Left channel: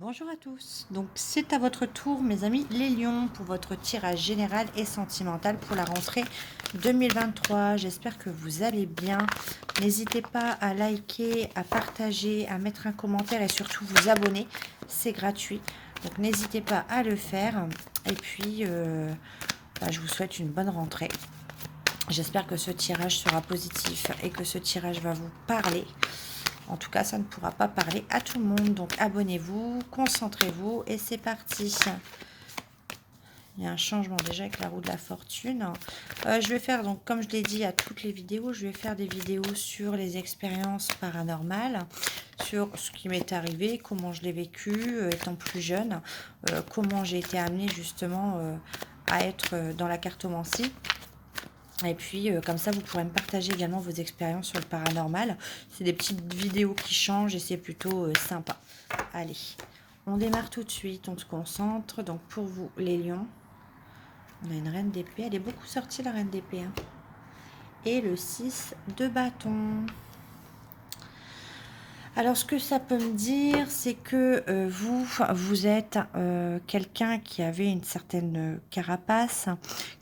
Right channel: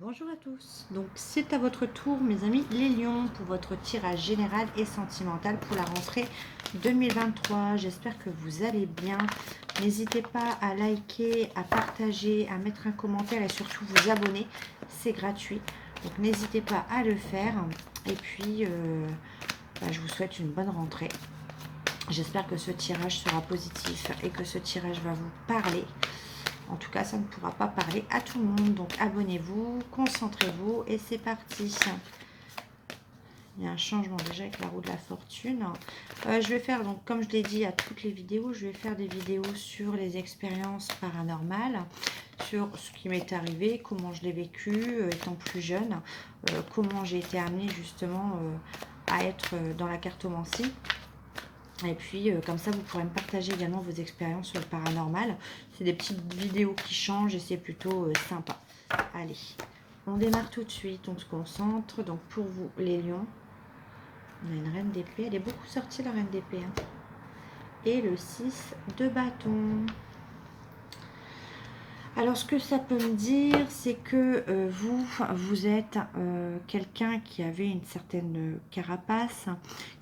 Bonjour à tous, donc c'est à votre tour mes amis les lions pour votre tirage général et sentimental pour la rentrée 2023. J'espère que vous allez bien. N'hésitez pas à liker, à partager, à mettre un commentaire et surtout vous abonner, c'est gratuit. Donc n'hésitez pas à le faire et puis je vous souhaite une bonne rentrée. J'espère que ce tirage sera positif et que ce tirage va vous parler. En tout cas, ça ne pourra pas parler à tout le monde. Donc, abonnez-vous, concentrez-vous et c'est parti. Il y a un changement déjà avec la roue de la fortune. Je vais faire, donc, comme je l'ai dit à toutes les vidéos, je vais faire des vidéos sur les expériences paranormales, sur ce qui m'est arrivé, comment je l'ai vécu étant plus jeune, comment j'ai été amenée justement à être dans la cartomancie. Et puis, comme ça, vous pourrez me partager également vos expériences sur le paranormal. C'est des petites vidéos qui changent et c'est plutôt sympa. Allez, on démarre tout de suite, on se concentre. Donc, pour vous, les lions, on a une reine d'épée. Elle est beaucoup sortie, la reine d'épée. Hein. Et le 6 de bâton. Alors, ce que ça peut me dire, c'est que vous êtes quelqu'un qui avait une certaine carapace,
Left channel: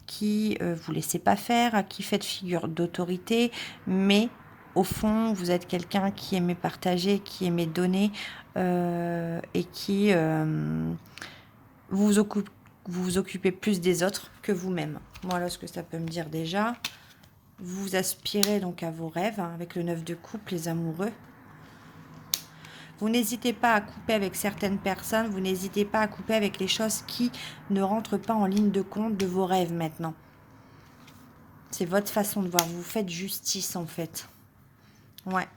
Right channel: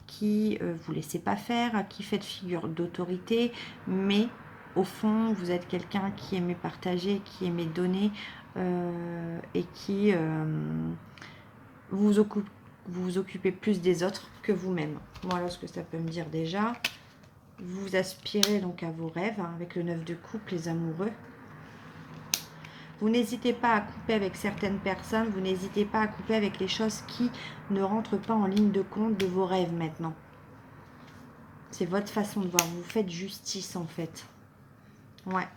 qui vous laissez pas faire, qui fait figure d'autorité, mais au fond, vous êtes quelqu'un qui aimait partager, qui aimait donner et qui vous vous occupez plus des autres que vous-même. Voilà ce que ça peut me dire déjà. Vous aspirez donc à vos rêves hein, avec le 9 de coupe, les amoureux. Vous n'hésitez pas à couper avec certaines personnes, vous n'hésitez pas à couper avec les choses qui ne rentrent pas en ligne de compte de vos rêves maintenant. C'est votre façon de voir, vous faites justice en fait. Ouais.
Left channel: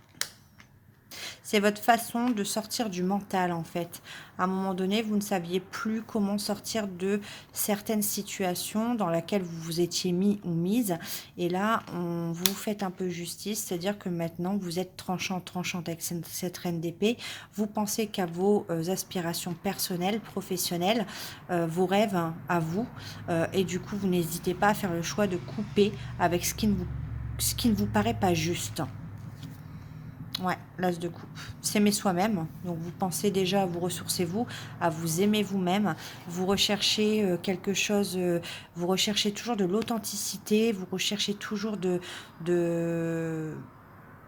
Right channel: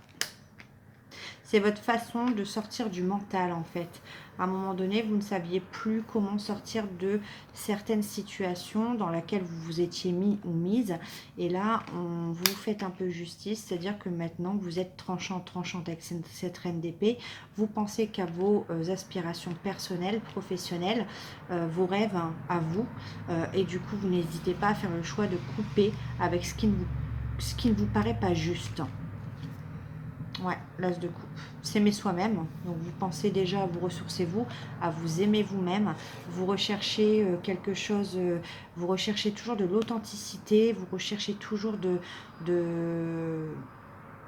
C'est votre façon de sortir du mental en fait. À un moment donné, vous ne saviez plus comment sortir de certaines situations dans lesquelles vous vous étiez mis ou mise. Et là, vous faites un peu justice, c'est-à-dire que maintenant, vous êtes tranchante avec cette reine d'épée. Vous pensez qu'à vos aspirations personnelles, professionnelles, vos rêves hein, à vous. Et du coup, vous n'hésitez pas à faire le choix de couper avec ce qui ne vous paraît pas juste. Ouais, l'as de coupe. S'aimer soi-même. Donc, vous pensez déjà à vous ressourcer vous, à vous aimer vous-même. Vous recherchez quelque chose, vous recherchez toujours de l'authenticité, vous recherchez toujours de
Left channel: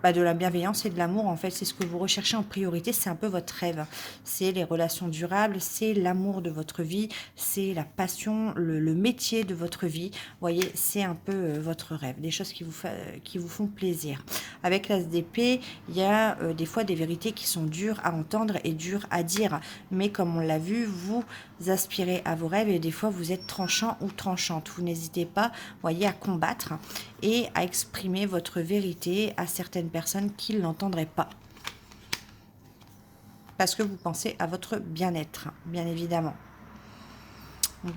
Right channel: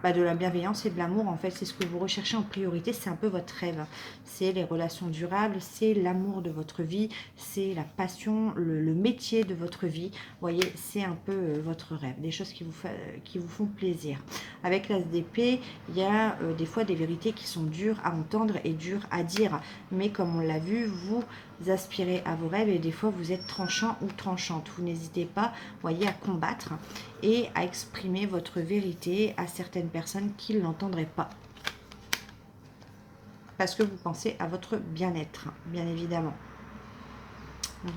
la bienveillance et de l'amour. En fait, c'est ce que vous recherchez en priorité. C'est un peu votre rêve. C'est les relations durables, c'est l'amour de votre vie, c'est la passion, le métier de votre vie. Vous voyez, c'est un peu votre rêve. Des choses qui vous font plaisir. Avec l'as d'épée, il y a des fois des vérités qui sont dures à entendre et dures à dire. Mais comme on l'a vu, vous aspirez à vos rêves et des fois vous êtes tranchant ou tranchante. Vous n'hésitez pas, voyez, à combattre et à exprimer votre vérité à certaines personnes qui ne l'entendraient pas. Parce que vous pensez à votre bien-être, bien évidemment.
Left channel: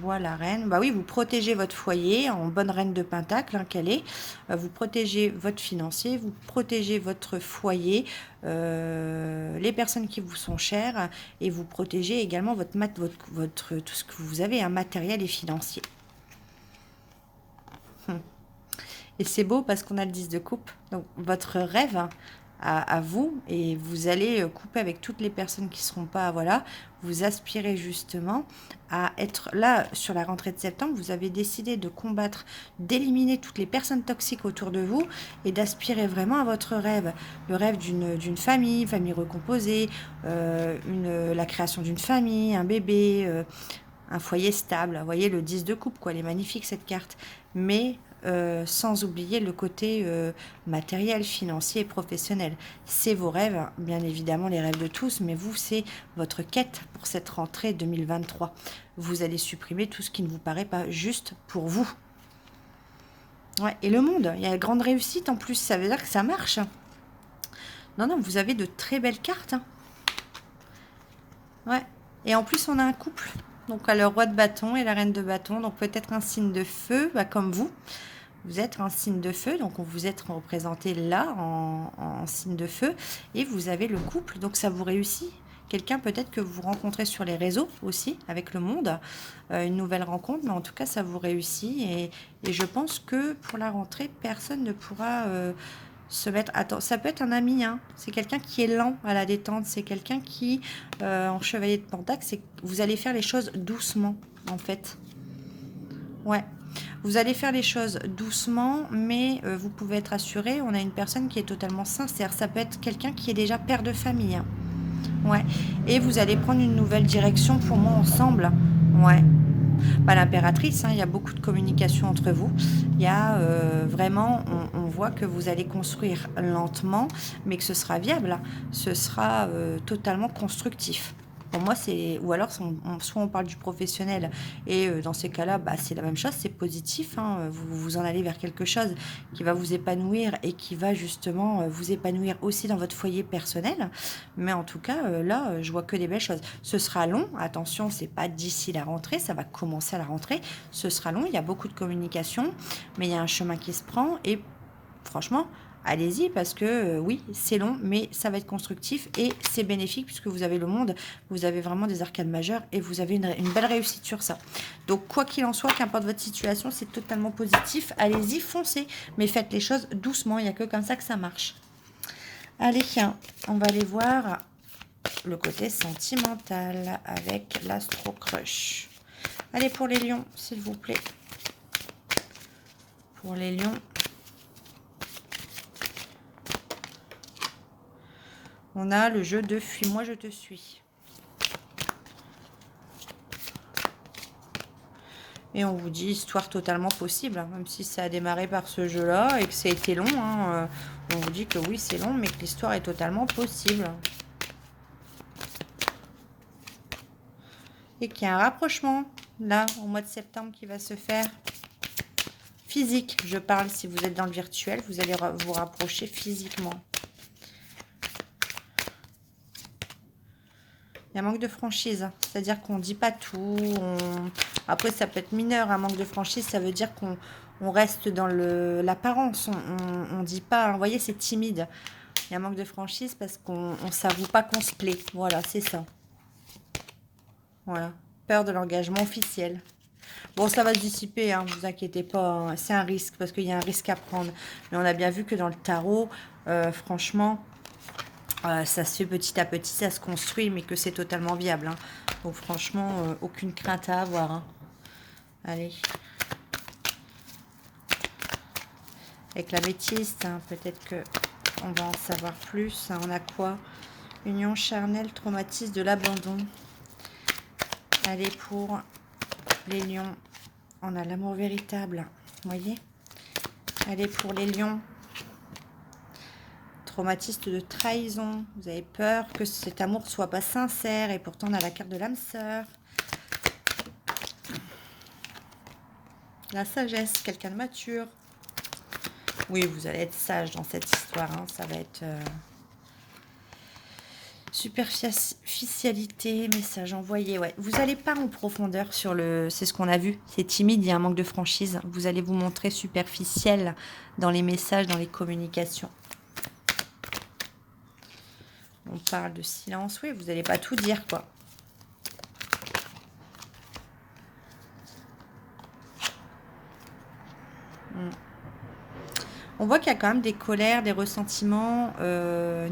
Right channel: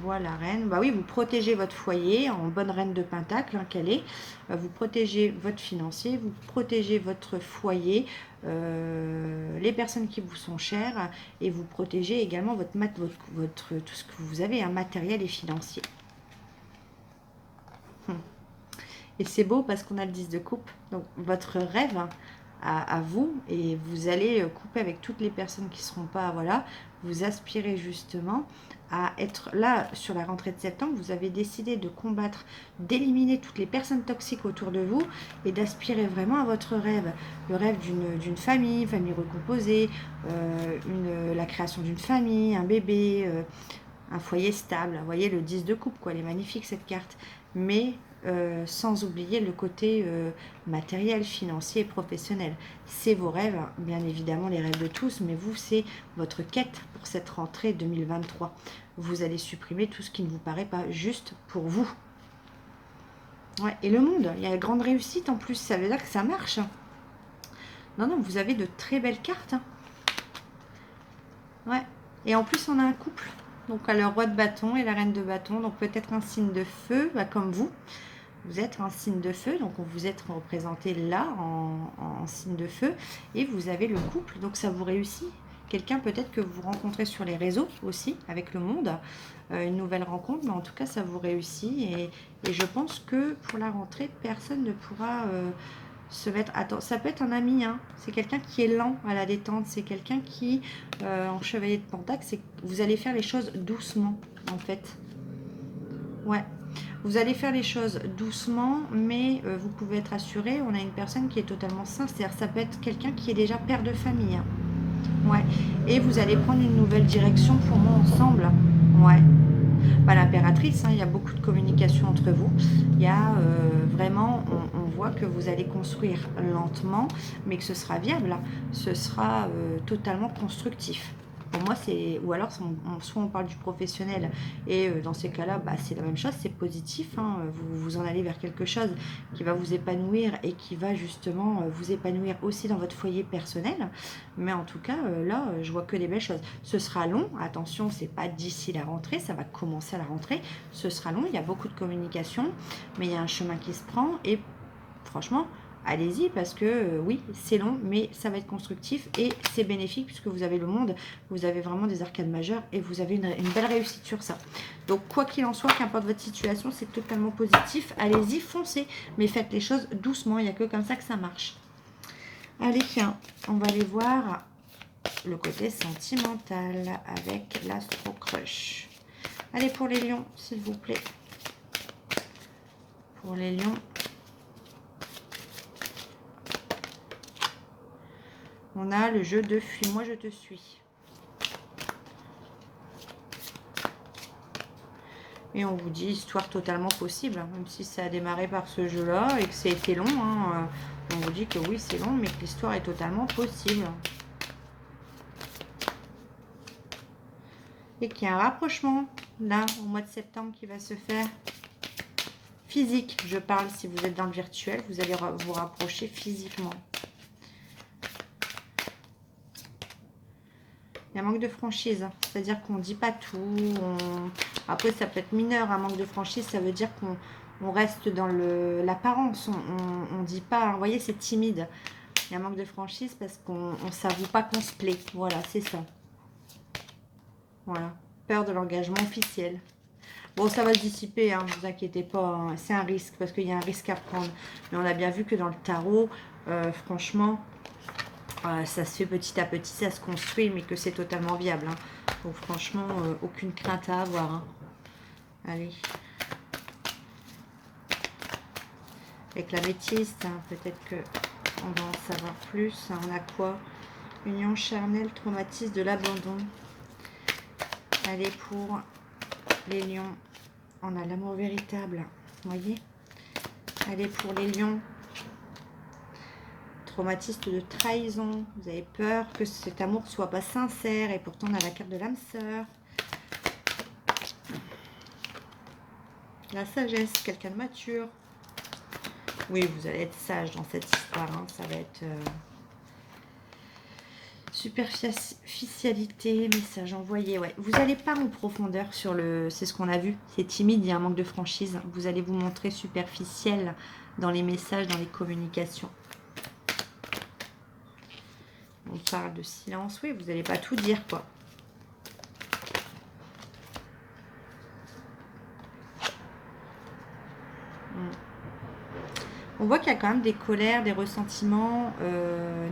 Voilà, reine. Bah oui, vous protégez votre foyer en bonne reine de pentacle hein, qu'elle est. Vous protégez votre financier, vous protégez votre foyer, les personnes qui vous sont chères et vous protégez également votre tout ce que vous avez, un matériel et financier. Et c'est beau parce qu'on a le 10 de coupe. Donc votre rêve hein, à vous et vous allez couper avec toutes les personnes qui ne seront pas, voilà, vous aspirez justement à être là sur la rentrée de septembre, vous avez décidé de combattre, d'éliminer toutes les personnes toxiques autour de vous et d'aspirer vraiment à votre rêve, le rêve d'une famille recomposée, la création d'une famille, un bébé, un foyer stable. Vous voyez le 10 de coupe, quoi, elle est magnifique cette carte, mais sans oublier le côté matériel, financier et professionnel. C'est vos rêves, bien évidemment les rêves de tous, mais vous, c'est votre quête pour cette rentrée 2023. Vous allez supprimer tout ce qui ne vous paraît pas juste pour vous. Ouais, et le monde, il y a une grande réussite en plus, ça veut dire que ça marche. Non, non, vous avez de très belles cartes. Hein. Ouais, et en plus on a un couple. Donc le roi de bâton et la reine de bâton, donc peut-être un signe de feu, bah, comme vous. Vous êtes un signe de feu, donc vous êtes représenté là en signe de feu et vous avez le couple, donc ça vous réussit. Quelqu'un peut-être que vous rencontrez sur les réseaux aussi, avec le monde, une nouvelle rencontre, mais en tout cas ça vous réussit et je pense que pour la rentrée, personne ne pourra se mettre... Attends, ça peut être un ami, hein. C'est quelqu'un qui est lent à la détente. C'est quelqu'un qui, en chevalier de Pentacle, c'est vous allez faire les choses doucement, en fait. Ouais. Vous allez faire les choses doucement, mais vous pouvez être assuré, on a une personne qui est totalement sincère. Ça peut être quelqu'un qui est déjà père de famille, hein. Ouais. Et vous allez prendre une nouvelle direction pour moi ensemble. Ouais. Bah, l'impératrice, hein, il y a beaucoup de communication entre vous. Il y a vraiment, on voit que vous allez construire lentement, mais que ce sera viable. Ce sera totalement constructif. Pour moi, c'est. Ou alors, soit on parle du professionnel, et dans ces cas-là, bah, c'est la même chose, c'est positif, hein. Vous en allez vers quelque chose qui va vous épanouir et qui va justement vous épanouir aussi dans votre foyer personnel. Mais en tout cas, là, je vois que des belles choses. Ce sera long, attention, c'est pas d'ici la rentrée, ça va commencer à la rentrée. Ce sera long, il y a beaucoup de communication, mais il y a un chemin qui se prend et franchement, allez-y parce que oui, c'est long, mais ça va être constructif et c'est bénéfique puisque vous avez le monde, vous avez vraiment des arcades majeures et vous avez une belle réussite sur ça. Donc, quoi qu'il en soit, qu'importe votre situation, c'est totalement positif. Allez-y, foncez, mais faites les choses doucement, il n'y a que comme ça que ça marche. Allez, on va aller voir le côté sentimental avec l'Astro Crush. Allez, pour les lions, s'il vous plaît. Pour les lions. On a le jeu de fuis-moi, je te suis. Et on vous dit histoire totalement possible, hein, même si ça a démarré par ce jeu-là et que ça a été long. Hein, on vous dit que oui, c'est long, mais que l'histoire est totalement possible. Et qu'il y a un rapprochement, là, au mois de septembre, qui va se faire. Physique, je parle, si vous êtes dans le virtuel, vous allez vous rapprocher physiquement. Il y a un manque de franchise, c'est-à-dire qu'on ne dit pas tout. Après, ça peut être mineur, un manque de franchise, ça veut dire qu'on reste dans l'apparence. On ne dit pas, vous voyez, c'est timide. Il y a un manque de franchise parce qu'on ne s'avoue pas qu'on se plaît. Voilà, c'est ça. Voilà, peur de l'engagement officiel. Bon, ça va se dissiper, hein, ne vous inquiétez pas. Hein. C'est un risque parce qu'il y a un risque à prendre. Mais on a bien vu que dans le tarot, franchement... ça se fait petit à petit, ça se construit, mais que c'est totalement viable. Hein. Donc franchement, aucune crainte à avoir. Hein. Allez. Avec la bêtise, hein, peut-être que on va en savoir plus. Hein. On a quoi? Union charnelle, traumatisme de l'abandon. Allez, pour les lions, on a l'amour véritable. Vous voyez? Allez, pour les lions. Traumatiste de trahison, vous avez peur que cet amour soit pas sincère et pourtant on a la carte de l'âme sœur. La sagesse, quelqu'un de mature. Oui, vous allez être sage dans cette histoire, hein. Ça va être superficialité, message envoyé. Ouais, vous n'allez pas en profondeur sur le... C'est ce qu'on a vu, c'est timide, il y a un manque de franchise. Vous allez vous montrer superficiel dans les messages, dans les communications. On parle de silence. Oui, vous n'allez pas tout dire, quoi. On voit qu'il y a quand même des colères, des ressentiments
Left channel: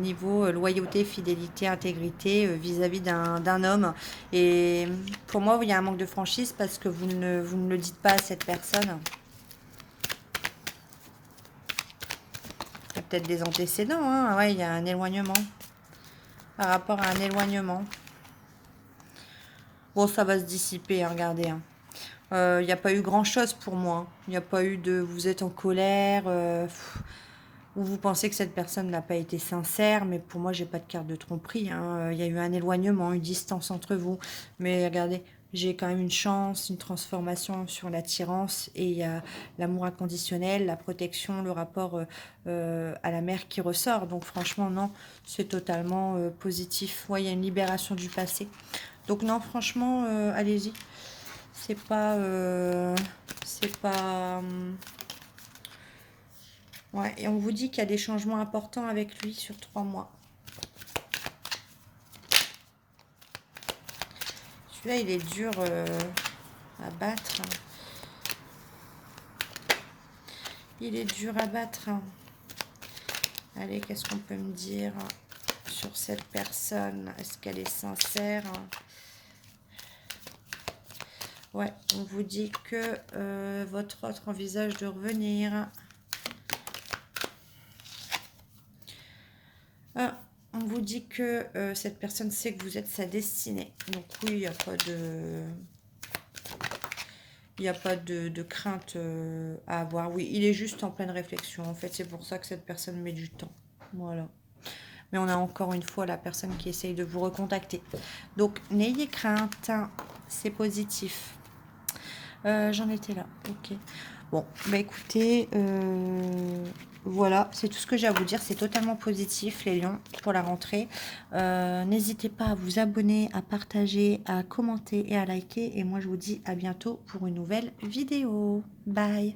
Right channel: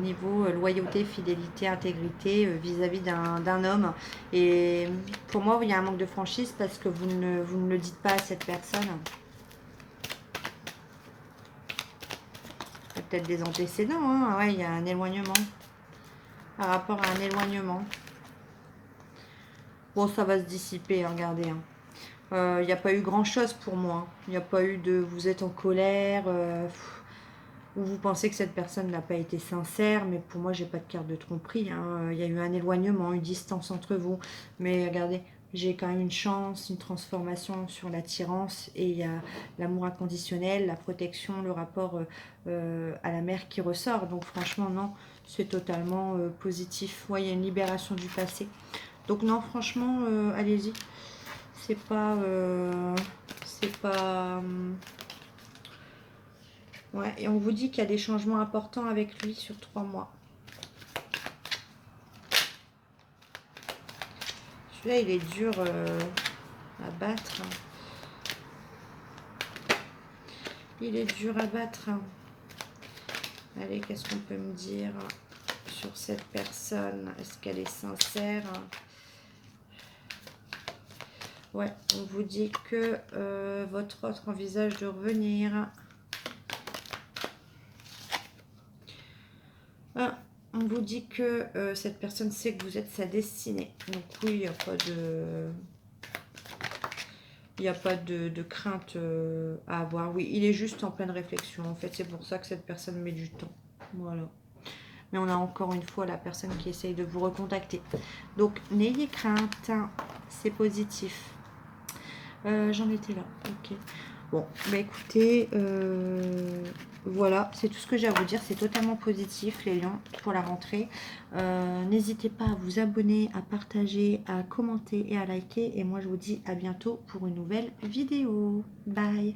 niveau loyauté, fidélité, intégrité vis-à-vis d'un homme. Et pour moi, il y a un manque de franchise parce que vous ne le dites pas à cette personne. Il y a peut-être des antécédents. Hein. Ouais, il y a un éloignement. Par rapport à un éloignement. Bon, ça va se dissiper, hein, regardez. Il n'y a pas eu grand-chose pour moi. Il n'y a pas eu de... Vous êtes en colère, ou vous pensez que cette personne n'a pas été sincère, mais pour moi, j'ai pas de carte de tromperie. Hein. Il y a eu un éloignement, une distance entre vous. Mais regardez, j'ai quand même une chance, une transformation sur l'attirance, et il y a l'amour inconditionnel, la protection, le rapport à la mère qui ressort. Donc franchement, non, c'est totalement positif. Ouais, il y a une libération du passé. Donc non, franchement, allez-y. C'est pas... ouais, et on vous dit qu'il y a des changements importants avec lui sur 3 mois. Celui-là, il est dur à battre. Il est dur à battre. Allez, qu'est-ce qu'on peut me dire sur cette personne? Est-ce qu'elle est sincère? Ouais, on vous dit que votre autre envisage de revenir. Ah, on vous dit que cette personne sait que vous êtes sa destinée. Donc oui, il n'y a pas de... Il n'y a pas de crainte à avoir. Oui, il est juste en pleine réflexion. En fait, c'est pour ça que cette personne met du temps. Voilà. Mais on a encore une fois la personne qui essaye de vous recontacter. Donc, n'ayez crainte. C'est positif. J'en étais là. Ok. Bon, bah écoutez, voilà, c'est tout ce que j'ai à vous dire. C'est totalement positif, les lions, pour la rentrée. N'hésitez pas à vous abonner, à partager, à commenter et à liker. Et moi, je vous dis à bientôt pour une nouvelle vidéo. Bye!